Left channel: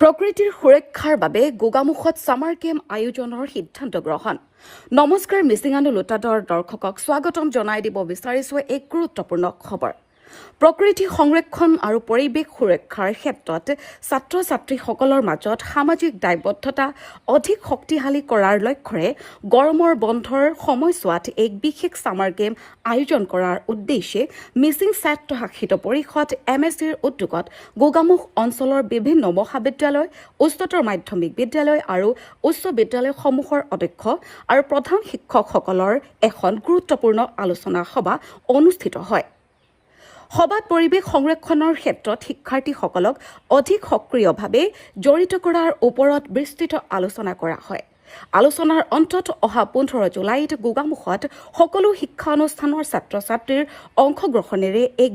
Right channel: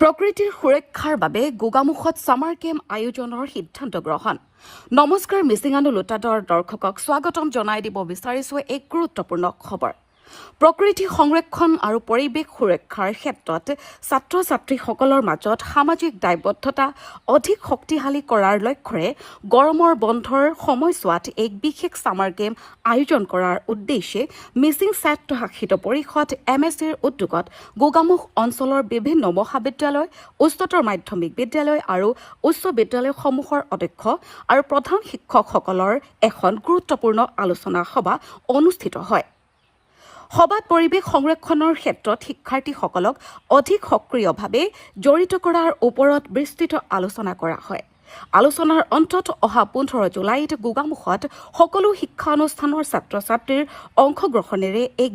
প্ৰকৃতিৰ সুৰক্ষাৰ বাবে গোগামুখত সামাৰ কেম্প আয়োজনৰ সিদ্ধান্ত গ্ৰহণ। নমস্কাৰ, মিচিঙানু লোটাডৰ দৰ্শকক স্বাগতম জনাই দিব বিচাৰিছো এক গুৰুত্বপূৰ্ণ খবৰ। প্ৰকৃতি সংৰক্ষণ আৰু পৰিৱেশ সুৰক্ষাৰ ক্ষেত্ৰত ছাত্ৰ ছাত্ৰীসকলৰ মাজত সামাজিক দায়বদ্ধতা অধিক শক্তিশালী কৰাৰ লক্ষ্যৰে গৰমৰ বন্ধৰ সময়ছোৱাত এক বিশেষ সামাৰ কেম্প আয়োজন কৰাৰ উদ্দেশ্যে মিচিং স্বায়ত্তশাসিত পৰিষদ MSCৰ উদ্যোগত গোগামুখ অঞ্চলৰ বিভিন্ন মহাবিদ্যালয়, উচ্চতৰ মাধ্যমিক বিদ্যালয় আৰু উচ্চ বিদ্যালয়সমূহৰ অধ্যক্ষ আৰু প্ৰধান শিক্ষকসকলৰ এখন গুৰুত্বপূৰ্ণ আলোচনা সভা অনুষ্ঠিত হয়। সভাত পৰিৱেশ সংৰক্ষণৰ ক্ষেত্ৰত শিক্ষাৰ্থীসকলক অধিক সক্ৰিয়ভাৱে জড়িত কৰাৰ ওপৰত বিস্তৃত আলোচনা কৰা হয়। আলোচনাৰ অন্তত অহা 15 জুলাইত গোগামুখত সকলো শিক্ষানুষ্ঠানৰ ছাত্ৰ-ছাত্ৰীৰ অংশগ্ৰহণেৰে এক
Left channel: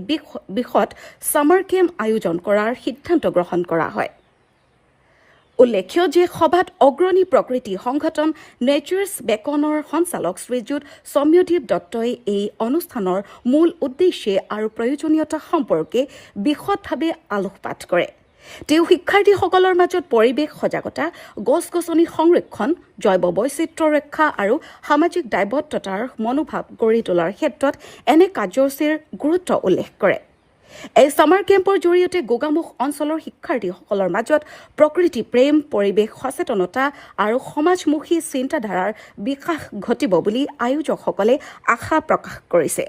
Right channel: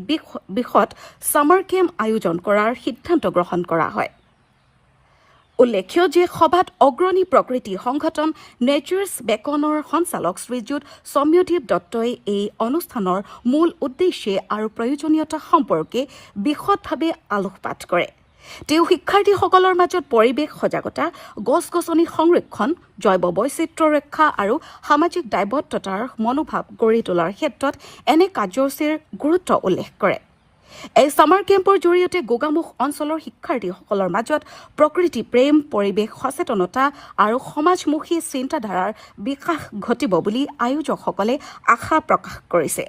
বৃহৎ সামাৰ কেম্প আয়োজন কৰাৰ সিদ্ধান্ত গ্ৰহণ কৰা হয়। উল্লেখ্য যে সভাত অগ্ৰণী প্ৰকৃতি সংগঠন নেচাৰ্ছ বেকনৰ সঞ্চালক শ্ৰীযুত সৌম্যদীপ দত্তই এই অনুষ্ঠানৰ মূল উদ্দেশ্য আৰু প্ৰয়োজনীয়তা সম্পৰ্কে বিশদভাৱে আলোকপাত কৰে। তেওঁ শিক্ষাৰ্থীসকলৰ মাজত পৰিৱেশ সজাগতা, গছ-গছনি সংৰক্ষণ, জৈৱ বৈচিত্ৰ্য ৰক্ষা আৰু সামাজিক দায়বদ্ধতাৰ মনোভাৱ গঢ়ি তোলাৰ ক্ষেত্ৰত এনে কাৰ্যসূচীৰ গুৰুত্ব উল্লেখ কৰে। এই সামাৰ কেম্পৰ জৰিয়তে গোগামুখ অঞ্চলৰ শিক্ষাৰ্থীসকলৰ মাজত প্ৰকৃতি প্ৰেম, পৰিৱেশ সচেতনতা আৰু সমাজমুখী চিন্তাধাৰাৰ বিকাশ ঘটিব বুলি আয়োজকসকলে আশা প্ৰকাশ কৰিছে।